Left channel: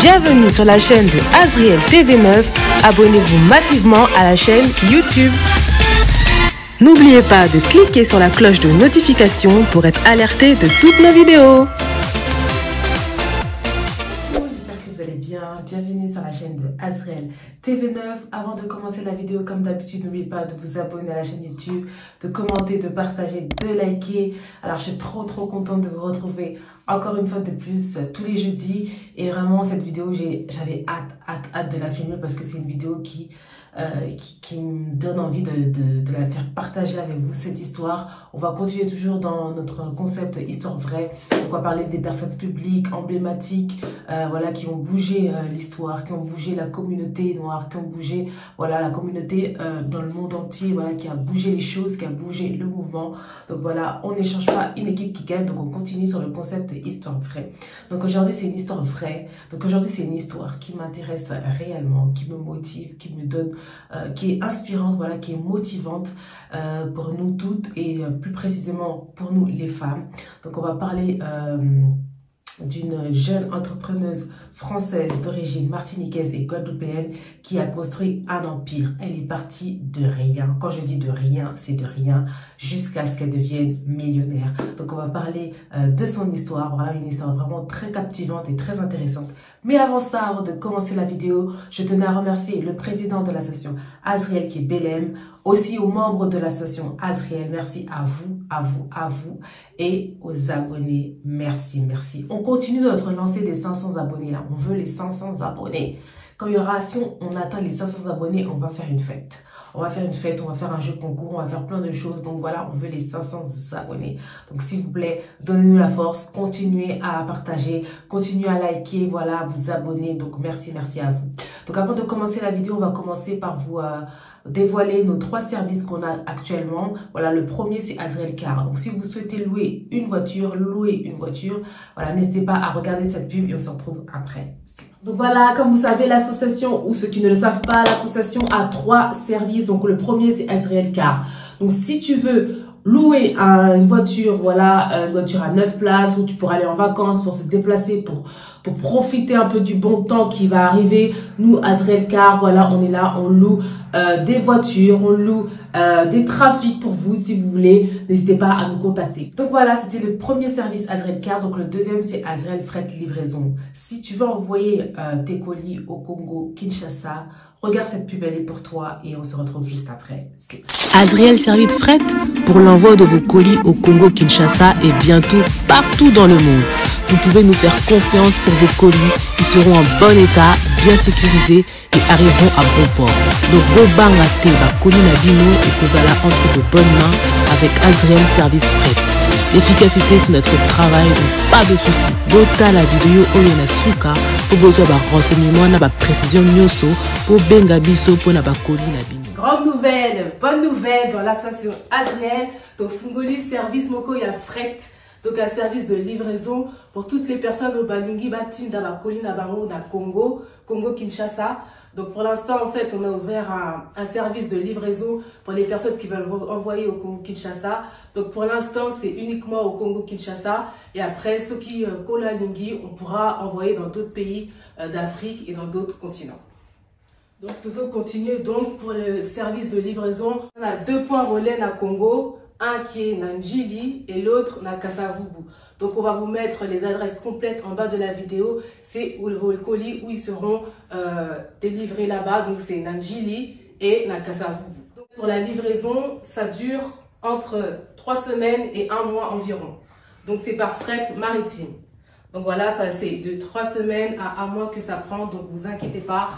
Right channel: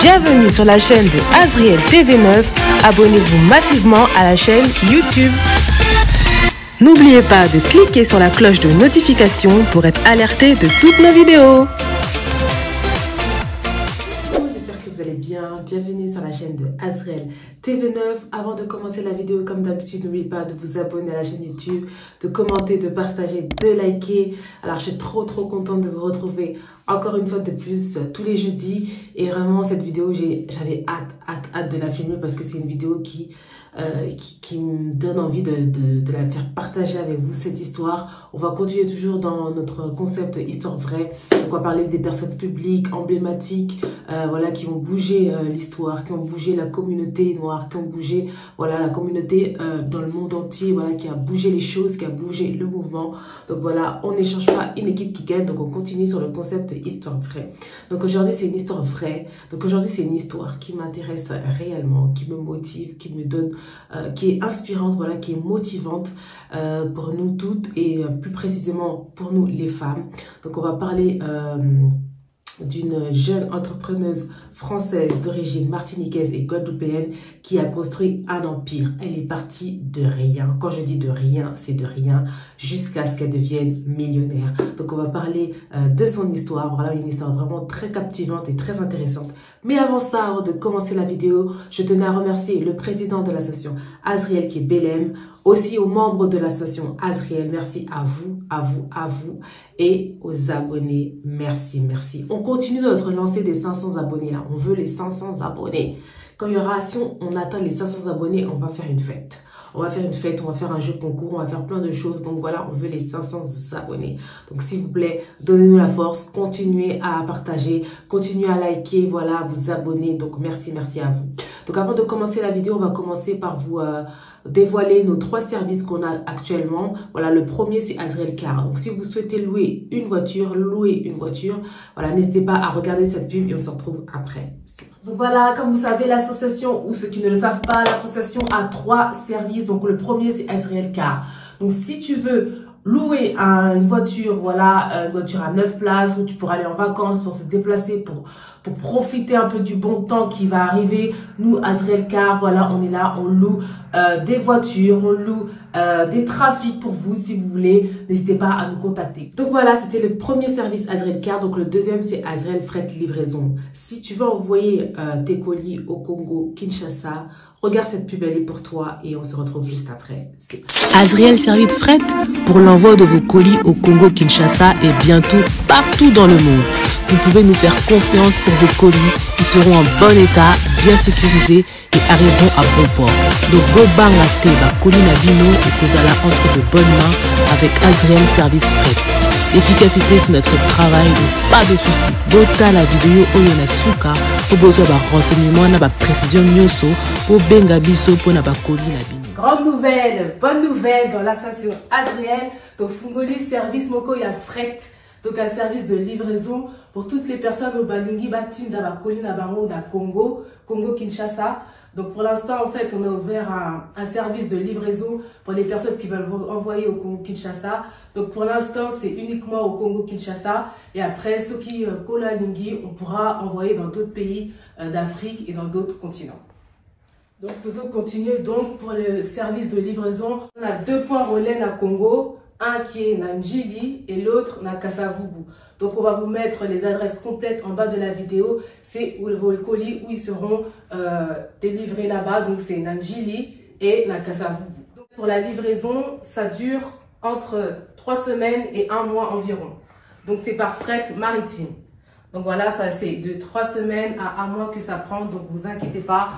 Bienvenue sur la chaîne de Azriel TV9. Abonnez-vous massivement à la chaîne YouTube. N'oubliez pas de cliquer sur la cloche de notification pour être alerté de toutes nos vidéos. J'espère que vous allez bien. Bienvenue sur la chaîne de Azriel TV9. Avant de commencer la vidéo, comme d'habitude, n'oubliez pas de vous abonner à la chaîne YouTube, de commenter, de partager, de liker. Alors, je suis trop contente de vous retrouver encore une fois de plus tous les jeudis. Et vraiment, cette vidéo, j'avais hâte de la filmer parce que c'est une vidéo qui me donne envie de la faire partager avec vous, cette histoire. On va continuer toujours dans notre concept histoire vraie. On va parler des personnes publiques, emblématiques, voilà, qui ont bougé l'histoire, qui ont bougé la communauté noire, qui ont bougé, voilà, la communauté dans le monde entier, voilà, qui a bougé les choses, qui a bougé le mouvement. Donc voilà, on n'échange pas une équipe qui gagne, donc on continue sur le concept histoire vraie. Donc aujourd'hui, c'est une histoire vraie. Donc aujourd'hui, c'est une histoire qui m'intéresse réellement, qui me motive, qui me donne, qui est inspirante, voilà, qui est motivante pour nous toutes et plus précisément pour nous les femmes. Donc on va parler d'une jeune entrepreneuse française d'origine martiniquaise et guadeloupéenne qui a construit un empire. Elle est partie de rien. Quand je dis de rien, c'est de rien jusqu'à ce qu'elle devienne millionnaire. Donc on va parler de son histoire. Voilà, une histoire vraiment très captivante et très intéressante. Mais avant ça, avant de commencer la vidéo, je tenais à remercier le président de l'association Azriel qui est Belém, aussi aux membres de l'association Azriel. Merci à vous et aux abonnés. Merci. On continue notre lancée des 500 abonnés là. On veut les 500 abonnés. Quand il y aura, si on atteint les 500 abonnés, on va faire une fête. On va faire une fête, on va faire un jeu concours, on va faire plein de choses. Donc voilà, on veut les 500 abonnés. Donc s'il vous plaît, donnez-nous la force, continuez à partager, continuez à liker, voilà, à vous abonner. Donc merci à vous. Donc avant de commencer la vidéo, on va commencer par vous dévoiler nos 3 services qu'on a actuellement. Voilà, le premier c'est Azriel Car. Donc si vous souhaitez louer une voiture, voilà, n'hésitez pas à regarder cette pub et on se retrouve après. Donc voilà, comme vous savez, l'association, ou ceux qui ne le savent pas, l'association a 3 services. Donc le premier c'est Azriel Car. Donc si tu veux louer une voiture, voilà, une voiture à 9 places où tu pourras aller en vacances, pour se déplacer, pour profiter un peu du bon temps qui va arriver. Nous, Azriel Car, voilà, on est là, on loue des voitures, on loue des trafics pour vous si vous voulez. N'hésitez pas à nous contacter. Donc voilà, c'était le premier service Azriel Car. Donc le deuxième, c'est Azriel Fret Livraison. Si tu veux envoyer tes colis au Congo, Kinshasa, regarde cette pub, elle est pour toi et on se retrouve juste après. Azriel Service Fret pour l'envoi de vos colis au Congo, Kinshasa et bientôt partout dans le monde. Vous pouvez nous faire confiance pour vos colis qui seront en bon état, bien sécurisés et arriveront à bon port. Donc, Bobanga Teba, colis Nabino et Kozala entre de bonnes mains avec Azriel Service Fret. L'efficacité, c'est notre travail, donc pas de soucis. Bota la vidéo Oyona Suka pour besoin de renseignements, na précision nyoso pour benga biso pour na colis Nabino. Grande nouvelle, bonne nouvelle dans l'association Azriel. Donc, Fungoli Service Moko ya Fret. Donc, un service de livraison pour toutes les personnes au Balingi Batin d'Abakoli Nabango da Congo, Kinshasa. Donc, pour l'instant, en fait, on a ouvert un service de livraison pour les personnes qui veulent envoyer au Congo Kinshasa. Donc, pour l'instant, c'est uniquement au Congo Kinshasa. Et après, ceux qui Kola Lingi, on pourra envoyer dans d'autres pays d'Afrique et dans d'autres continents. Donc, nous allons continuer donc pour le service de livraison. On a 2 points relais à Congo. Un qui est Nanjili et l'autre na Kasavubu. Donc on va vous mettre les adresses complètes en bas de la vidéo. C'est vos colis où ils seront délivrés là-bas. Donc c'est Nanjili et na Kasavubu. Donc, pour la livraison, ça dure entre 3 semaines et 1 mois environ. Donc c'est par fret maritime. Donc voilà, ça c'est de 3 semaines à 1 mois que ça prend. Donc vous inquiétez pas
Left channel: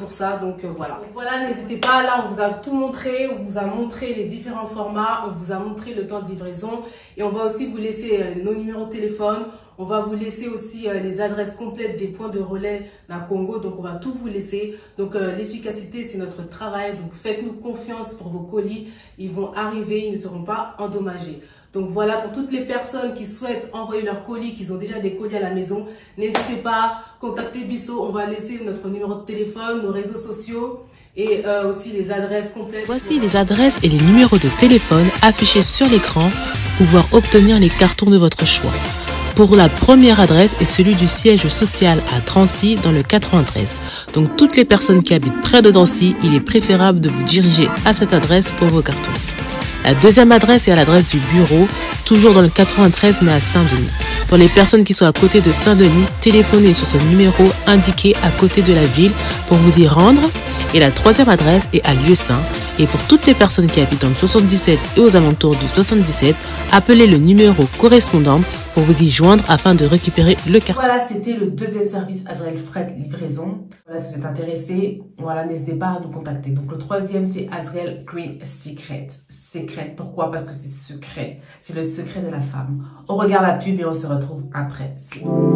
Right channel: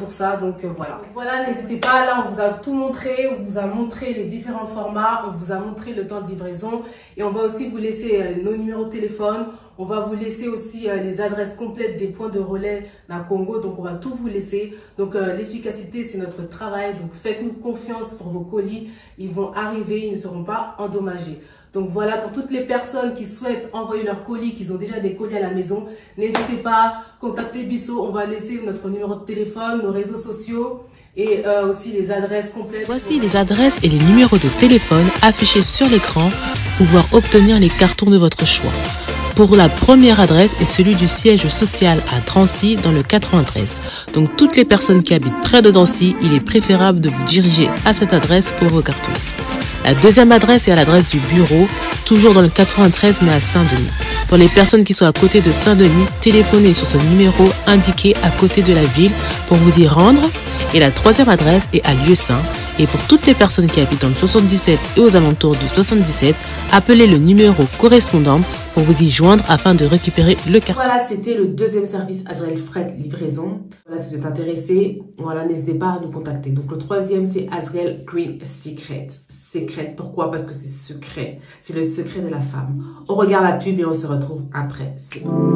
pour ça. Donc voilà. Donc voilà, n'hésitez pas. Là, on vous a tout montré. On vous a montré les différents formats. On vous a montré le temps de livraison. Et on va aussi vous laisser nos numéros de téléphone. On va vous laisser aussi les adresses complètes des points de relais dans le Congo. Donc on va tout vous laisser. Donc l'efficacité, c'est notre travail. Donc faites-nous confiance pour vos colis. Ils vont arriver. Ils ne seront pas endommagés. Donc voilà, pour toutes les personnes qui souhaitent envoyer leurs colis, qui ont déjà des colis à la maison, n'hésitez pas, contactez Bisso, on va laisser notre numéro de téléphone, nos réseaux sociaux et aussi les adresses complètes. Voici les adresses et les numéros de téléphone affichés sur l'écran pour pouvoir obtenir les cartons de votre choix. pour la première adresse est celui du siège social à Drancy dans le 93. Donc toutes les personnes qui habitent près de Drancy, il est préférable de vous diriger à cette adresse pour vos cartons. La deuxième adresse est à l'adresse du bureau, toujours dans le 93 mais à Saint-Denis. Pour les personnes qui sont à côté de Saint-Denis, téléphonez sur ce numéro indiqué à côté de la ville pour vous y rendre. Et la troisième adresse est à Lieu-Saint. Et pour toutes les personnes qui habitent dans le 77 et aux alentours du 77, appelez le numéro correspondant pour vous y joindre afin de récupérer le carton. Voilà, c'était le deuxième service Azrael Fret Livraison. Voilà, si vous êtes intéressé, voilà, n'hésitez pas à nous contacter. Donc le troisième, c'est Azrael Green Secret. Secret, pourquoi? Parce que c'est secret. C'est le secret de la femme. On regarde la pub et on se retrouve après.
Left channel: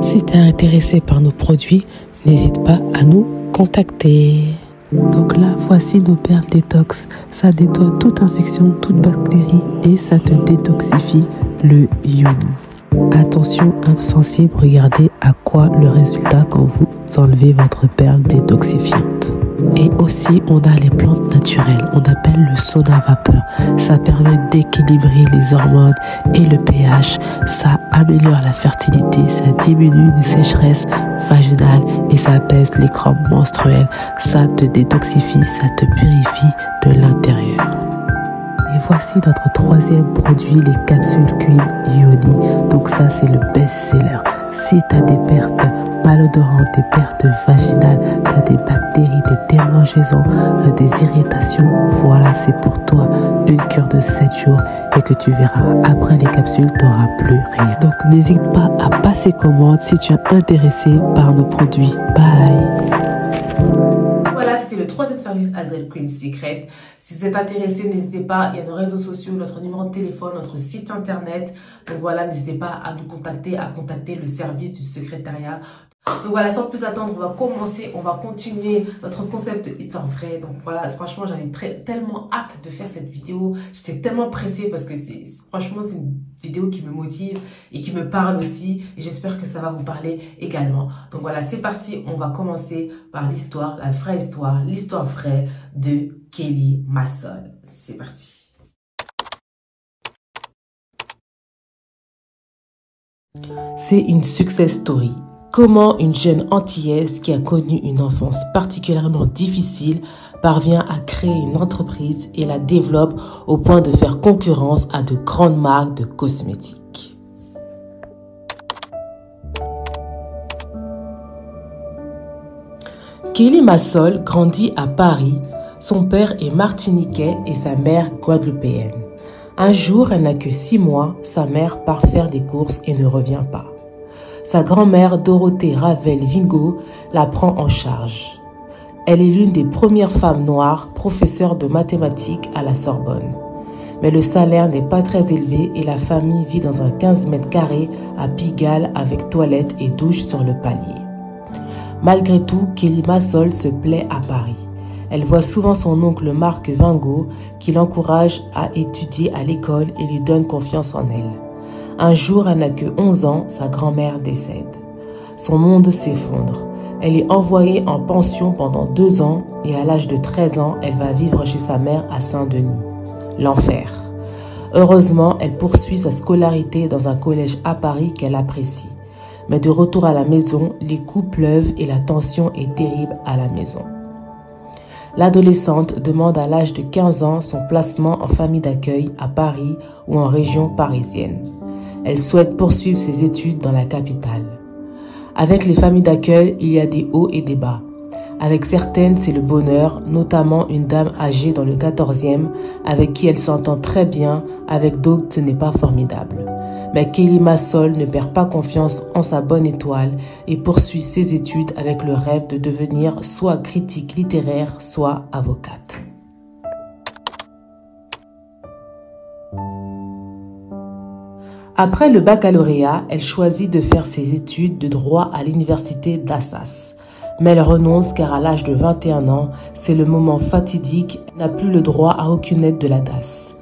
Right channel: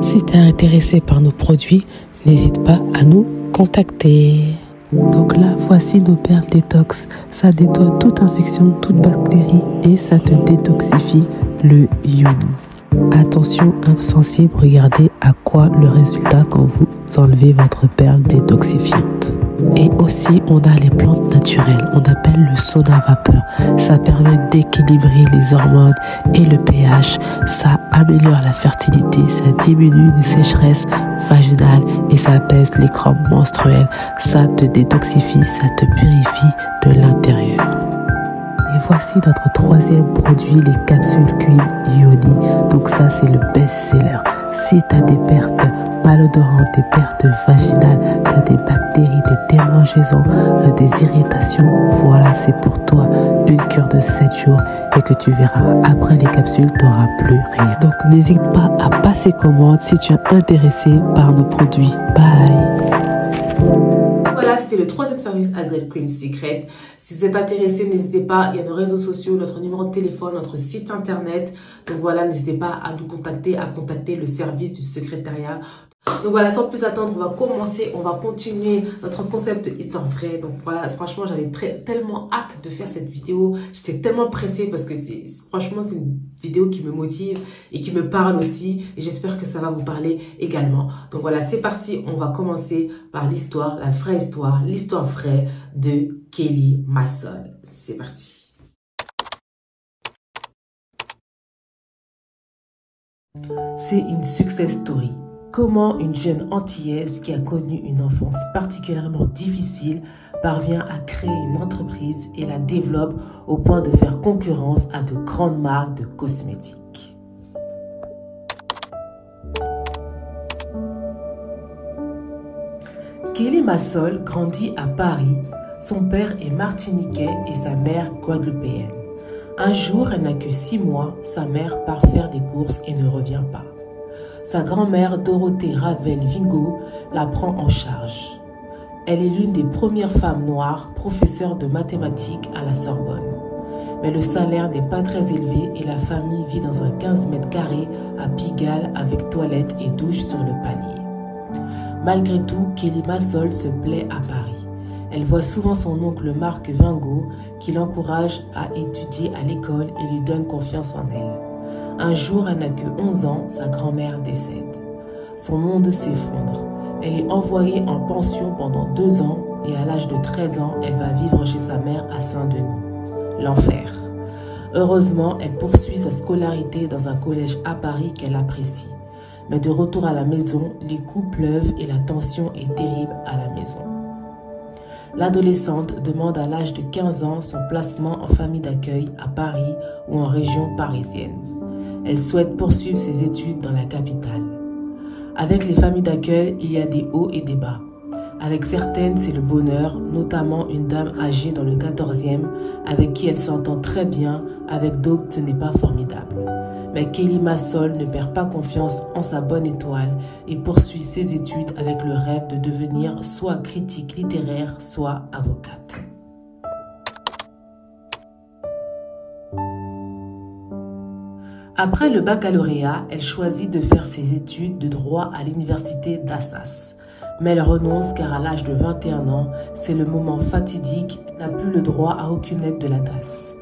Si tu es intéressé par nos produits, n'hésite pas à nous contacter. Donc là, voici nos perles détox. Ça nettoie toute infection, toute bactérie et ça te détoxifie le iodine. Attention, insensible, regardez à quoi le résultat quand vous enlevez votre perle détoxifiante. Et aussi, on a les plantes naturelles. On appelle le soda vapeur. Ça permet d'équilibrer les hormones et le pH. Ça améliore la fertilité. Ça diminue les sécheresses vaginales et ça apaise les crampes menstruelles. Ça te détoxifie, ça te purifie de l'intérieur. Et voici notre troisième produit, les capsules Queen Ioni. Donc ça, c'est le best-seller. Si tu as des pertes malodorantes, des pertes vaginales, tu as des bactéries, des démangeaisons, des irritations, voilà, c'est pour toi une cure de 7 jours et que tu verras, après les capsules, tu n'auras plus rien. Donc n'hésite pas à passer commande si tu es intéressé par nos produits. Bye! C'était le troisième service Azrael Queen Secret. Si vous êtes intéressé, n'hésitez pas. Il y a nos réseaux sociaux, notre numéro de téléphone, notre site internet. Donc voilà, n'hésitez pas à nous contacter, à contacter le service du secrétariat. Donc voilà, sans plus attendre, on va commencer, on va continuer notre concept histoire vraie. Donc voilà, franchement, j'avais tellement hâte de faire cette vidéo. J'étais tellement pressée parce que franchement, c'est une vidéo qui me motive et qui me parle aussi. Et j'espère que ça va vous parler également. Donc voilà, c'est parti. On va commencer par l'histoire, la vraie histoire, l'histoire vraie de Kelly Massol. C'est parti. C'est une success story. Comment une jeune antillaise qui a connu une enfance particulièrement difficile parvient à créer une entreprise et la développe au point de faire concurrence à de grandes marques de cosmétiques. Kelly Massol grandit à Paris. Son père est martiniquais et sa mère guadeloupéenne. Un jour, elle n'a que 6 mois, sa mère part faire des courses et ne revient pas. Sa grand-mère Dorothée Ravel Vingo la prend en charge. Elle est l'une des premières femmes noires professeures de mathématiques à la Sorbonne. Mais le salaire n'est pas très élevé et la famille vit dans un 15 mètres carrés à Pigalle avec toilette et douche sur le palier. Malgré tout, Kelly Massol se plaît à Paris. Elle voit souvent son oncle Marc Vingo qui l'encourage à étudier à l'école et lui donne confiance en elle. Un jour, elle n'a que 11 ans, sa grand-mère décède. Son monde s'effondre. Elle est envoyée en pension pendant 2 ans et à l'âge de 13 ans, elle va vivre chez sa mère à Saint-Denis. L'enfer. Heureusement, elle poursuit sa scolarité dans un collège à Paris qu'elle apprécie. Mais de retour à la maison, les coups pleuvent et la tension est terrible à la maison. L'adolescente demande à l'âge de 15 ans son placement en famille d'accueil à Paris ou en région parisienne. Elle souhaite poursuivre ses études dans la capitale. Avec les familles d'accueil, il y a des hauts et des bas. Avec certaines, c'est le bonheur, notamment une dame âgée dans le 14e, avec qui elle s'entend très bien, avec d'autres, ce n'est pas formidable. Mais Kelly Massol ne perd pas confiance en sa bonne étoile et poursuit ses études avec le rêve de devenir soit critique littéraire, soit avocate. Après le baccalauréat, elle choisit de faire ses études de droit à l'université d'Assas. Mais elle renonce car à l'âge de 21 ans, c'est le moment fatidique, elle n'a plus le droit à aucune aide de la DAS.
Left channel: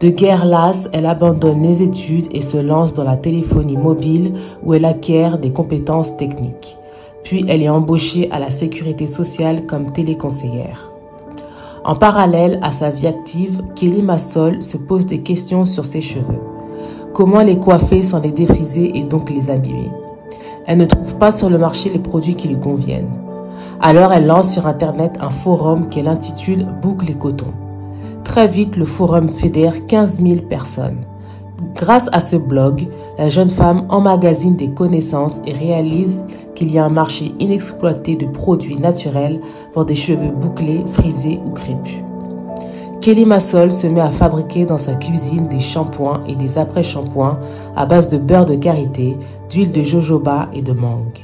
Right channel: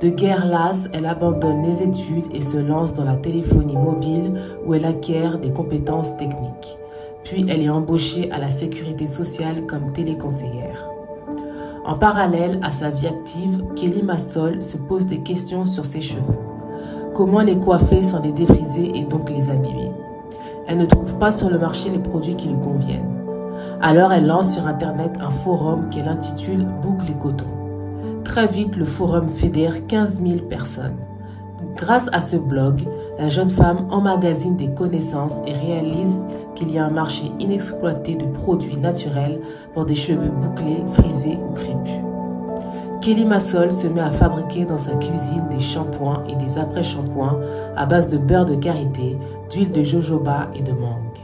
De guerre lasse, elle abandonne les études et se lance dans la téléphonie mobile où elle acquiert des compétences techniques. Puis elle est embauchée à la sécurité sociale comme téléconseillère. En parallèle à sa vie active, Kelly Massol se pose des questions sur ses cheveux. comment les coiffer sans les défriser et donc les abîmer. Elle ne trouve pas sur le marché les produits qui lui conviennent. Alors elle lance sur internet un forum qu'elle intitule Boucle et Coton. Très vite, le forum fédère 15 000 personnes. Grâce à ce blog, la jeune femme emmagasine des connaissances et réalise qu'il y a un marché inexploité de produits naturels pour des cheveux bouclés, frisés ou crépus. Kelly Massol se met à fabriquer dans sa cuisine des shampoings et des après-shampoings à base de beurre de karité, d'huile de jojoba et de mangue.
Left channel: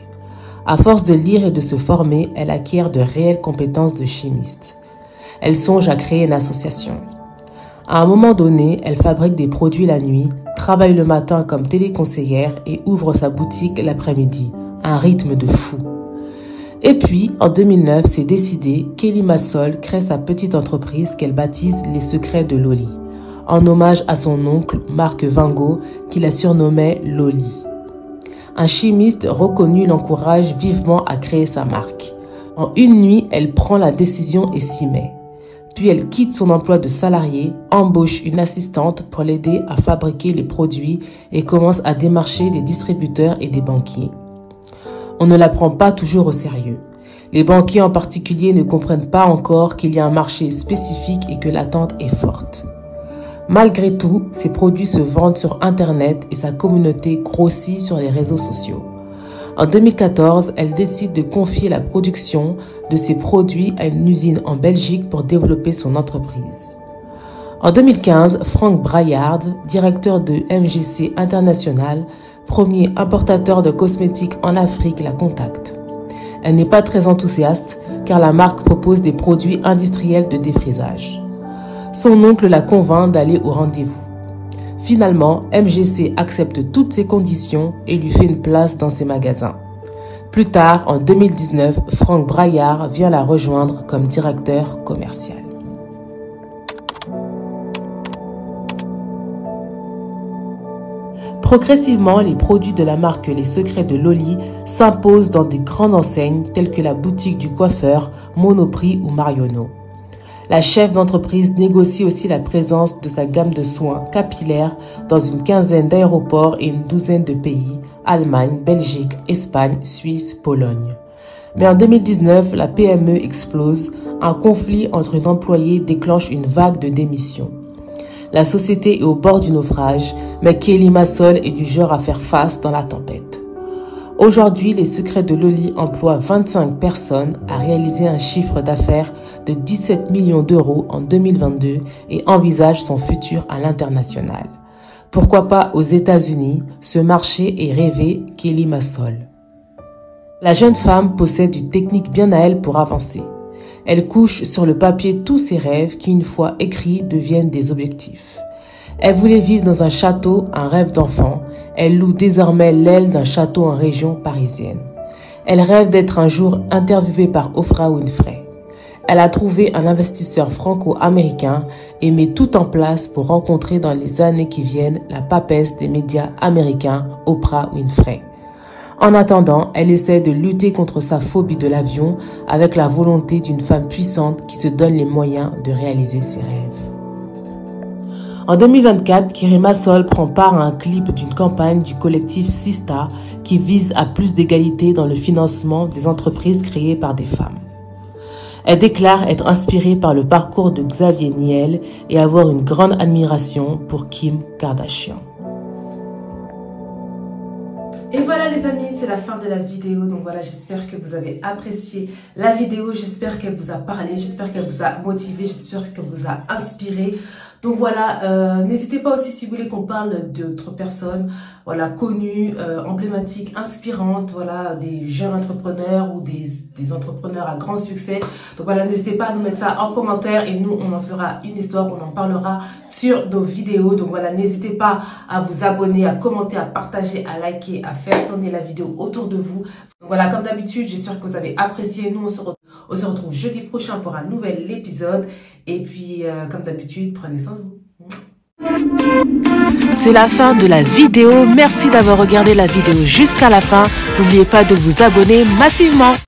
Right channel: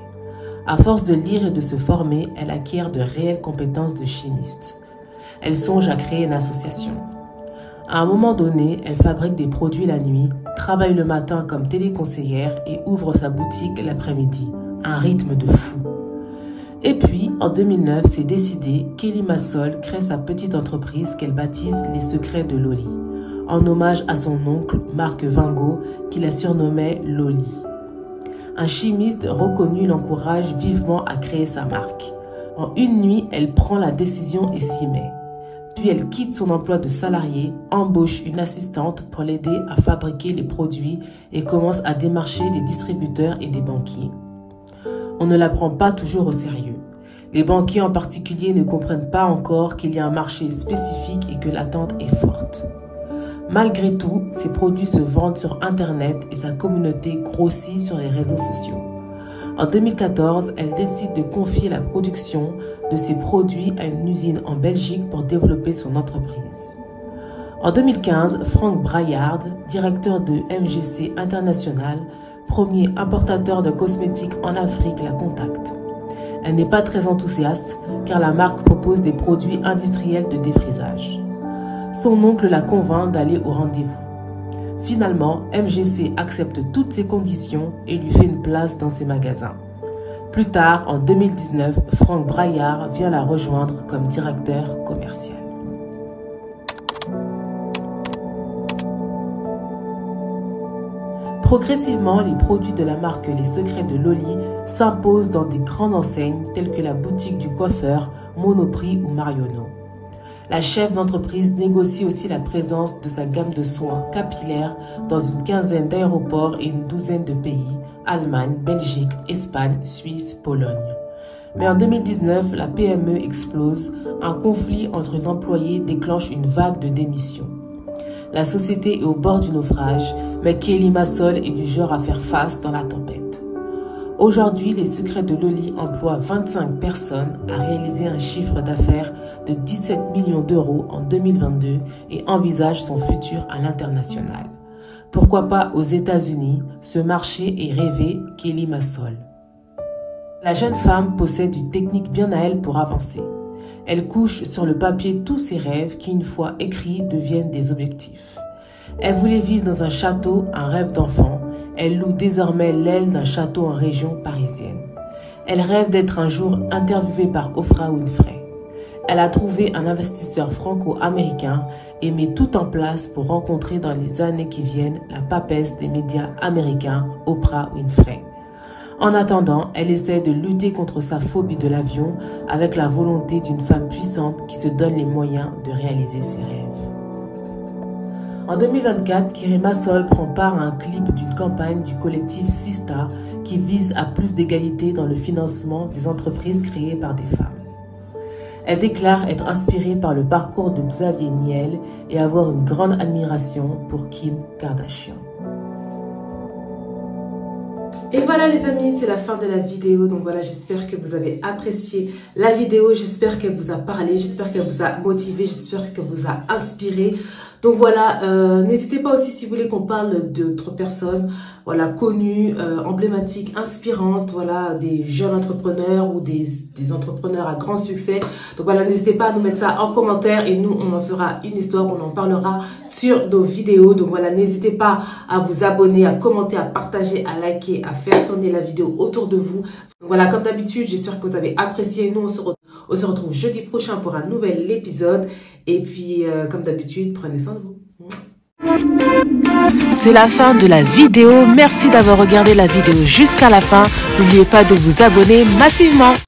À force de lire et de se former, elle acquiert de réelles compétences de chimiste. Elle songe à créer une association. À un moment donné, elle fabrique des produits la nuit, travaille le matin comme téléconseillère et ouvre sa boutique l'après-midi. Un rythme de fou. Et puis, en 2009, c'est décidé, Kelly Massol crée sa petite entreprise qu'elle baptise Les Secrets de Loli, en hommage à son oncle, Marc Vingo, qui la surnommait Loli. Un chimiste reconnu l'encourage vivement à créer sa marque. En une nuit, elle prend la décision et s'y met. Puis elle quitte son emploi de salarié, embauche une assistante pour l'aider à fabriquer les produits et commence à démarcher des distributeurs et des banquiers. On ne la prend pas toujours au sérieux. Les banquiers en particulier ne comprennent pas encore qu'il y a un marché spécifique et que l'attente est forte. Malgré tout, ses produits se vendent sur Internet et sa communauté grossit sur les réseaux sociaux. En 2014, elle décide de confier la production de ses produits à une usine en Belgique pour développer son entreprise. En 2015, Frank Braillard, directeur de MGC International, premier importateur de cosmétiques en Afrique, la contacte. Elle n'est pas très enthousiaste car la marque propose des produits industriels de défrisage. Son oncle la convainc d'aller au rendez-vous. Finalement, MGC accepte toutes ses conditions et lui fait une place dans ses magasins. Plus tard, en 2019, Frank Braillard vient la rejoindre comme directeur commercial. Progressivement, les produits de la marque Les Secrets de Loli s'imposent dans des grandes enseignes telles que la boutique du coiffeur, Monoprix ou Marionneau. La chef d'entreprise négocie aussi la présence de sa gamme de soins capillaires dans une quinzaine d'aéroports et une douzaine de pays, Allemagne, Belgique, Espagne, Suisse, Pologne. Mais en 2019, la PME explose, un conflit entre une employée déclenche une vague de démissions. La société est au bord du naufrage, mais Kelly Massol est du genre à faire face dans la tempête. Aujourd'hui, Les Secrets de Loli emploie 25 personnes à réaliser un chiffre d'affaires de 17 millions d'euros en 2022 et envisage son futur à l'international. Pourquoi pas aux États-Unis? Ce marché est rêvé, Kelly Massol. La jeune femme possède une technique bien à elle pour avancer. Elle couche sur le papier tous ses rêves qui, une fois écrits, deviennent des objectifs. Elle voulait vivre dans un château, un rêve d'enfant. Elle loue désormais l'aile d'un château en région parisienne. Elle rêve d'être un jour interviewée par Oprah Winfrey. Elle a trouvé un investisseur franco-américain et met tout en place pour rencontrer dans les années qui viennent la papesse des médias américains, Oprah Winfrey. En attendant, elle essaie de lutter contre sa phobie de l'avion avec la volonté d'une femme puissante qui se donne les moyens de réaliser ses rêves. En 2024, Kelly Massol prend part à un clip d'une campagne du collectif Sista qui vise à plus d'égalité dans le financement des entreprises créées par des femmes. Elle déclare être inspirée par le parcours de Xavier Niel et avoir une grande admiration pour Kim Kardashian. Et voilà les amis, c'est la fin de la vidéo. Donc voilà, j'espère que vous avez apprécié la vidéo. J'espère qu'elle vous a parlé, j'espère qu'elle vous a motivé, j'espère qu'elle vous a inspiré. Donc voilà, n'hésitez pas aussi si vous voulez qu'on parle d'autres personnes, voilà, connues, emblématiques, inspirantes, voilà, des jeunes entrepreneurs ou des entrepreneurs à grand succès. Donc voilà, n'hésitez pas à nous mettre ça en commentaire et nous, on en fera une histoire, on en parlera sur nos vidéos. Donc voilà, n'hésitez pas à vous abonner, à commenter, à partager, à liker, à faire tourner la vidéo autour de vous. Donc voilà, comme d'habitude, j'espère que vous avez apprécié. Nous, on se retrouve jeudi prochain pour un nouvel épisode. Et puis, comme d'habitude, prenez soin de vous. C'est la fin de la vidéo. Merci d'avoir regardé la vidéo jusqu'à la fin. N'oubliez pas de vous abonner massivement.